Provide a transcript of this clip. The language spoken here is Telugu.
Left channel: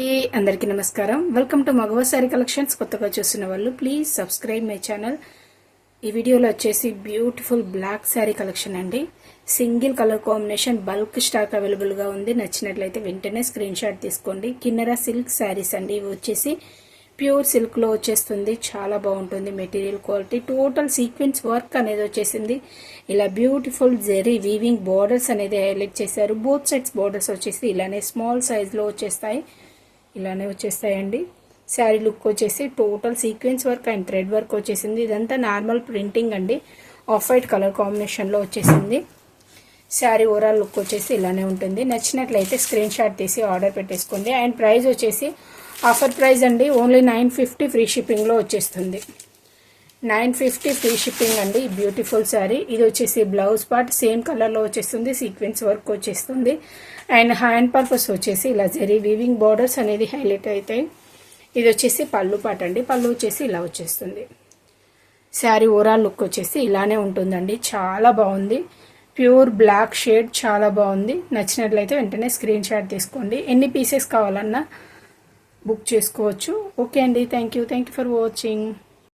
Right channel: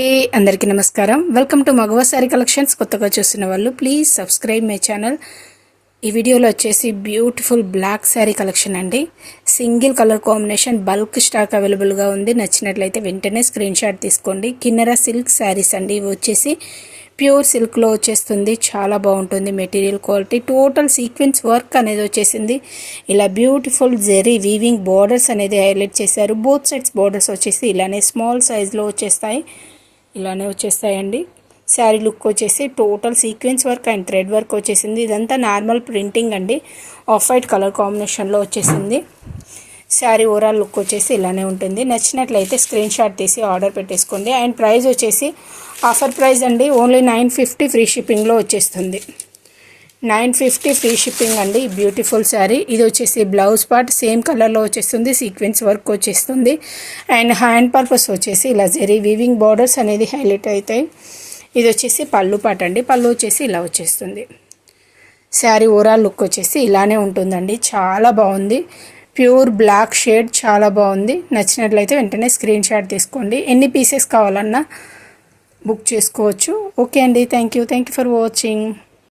అందరికీ నమస్కారం. Welcome to Magava sari collections. కొత్తగా చూస్తున్న వాళ్ళు ప్లీజ్ సబ్స్క్రైబ్ మై ఛానల్. ఈ వీడియోలో వచ్చేసి బ్యూటిఫుల్ బ్లాక్ శారీ కలెక్షన్ అండి. Single colour combination bulk stock అవైలబుల్గా ఉంది. నచ్చినట్లయితే వెంటనే స్క్రీన్ షాట్ తీసుకోండి. కిన్నెర సిల్క్ శారీస్ అండి. ఇవి వచ్చేసి ప్యూర్ సిల్క్లో వచ్చేస్తుంది. చాలా బాగుంటుంది material quality. Total sequence work అనేది వచ్చేసింది. ఇలా బ్యూటిఫుల్ జెరీ వీవింగ్ బార్డర్స్ అనేది హైలైట్ చేశారు. బోత్ సైడ్స్ బార్డర్స్ వచ్చేసి ఇలానే స్మాల్ సైజ్లో వచ్చేస్తాయి. ఇలానే వచ్చేస్తాయండి. శారీ లుక్ వచ్చేసి total sequence work and thread work వచ్చేసింది. ఇదంతా నార్మల్ ప్రింటింగ్ అండి. ఆఫ్ వైట్ కలర్ కాంబినేషన్లో వచ్చేసింది. శారీ ఓవరాల్ లుక్ వచ్చేసి ఇలానే ఉంటుంది. నచ్చినట్లయితే స్క్రీన్ షాట్ తీసి ఆర్డర్ పెట్టేసుకోండి. అండ్ ప్రైస్ వచ్చేసి ఆఫర్ ప్రైస్ అండి. ఓన్లీ 950 ఫ్రీ షిప్పింగ్లో వచ్చేస్తుంది. 950 ఫ్రీ షిప్పింగ్ అండి. బ్యూటిఫుల్ శారీ. ఇది వచ్చేసి బ్లౌజ్ పార్ట్ సేమ్ కలర్లో వచ్చేస్తుంది. సీక్వెన్స్ వర్క్ వచ్చేస్తుంది. అండ్ హ్యాండ్ పర్పస్ వచ్చేసి ఇలా జెరీ వీవింగ్ బార్డర్స్ అనేది హైలైట్ అవుతాయి. ఇది వచ్చేసి పళ్ళు పార్ట్ అండి. పళ్ళు వచ్చేసి ఇలా వచ్చేస్తుంది. శారీ ఓవరాల్ లుక్ వచ్చేసి ఇలానే ఉంటుందండి. చాలా బాగుంది. ప్యూర్ బ్లాక్ షేడ్ చాలా బాగుంది. నచ్చినట్లయితే వెంటనే స్క్రీన్ షాట్ తీసుకోండి. ఎన్ని పీసెస్ కావాలన్నా బుక్ చేసుకోవచ్చు. ఓకే అండి. Thank you for watching.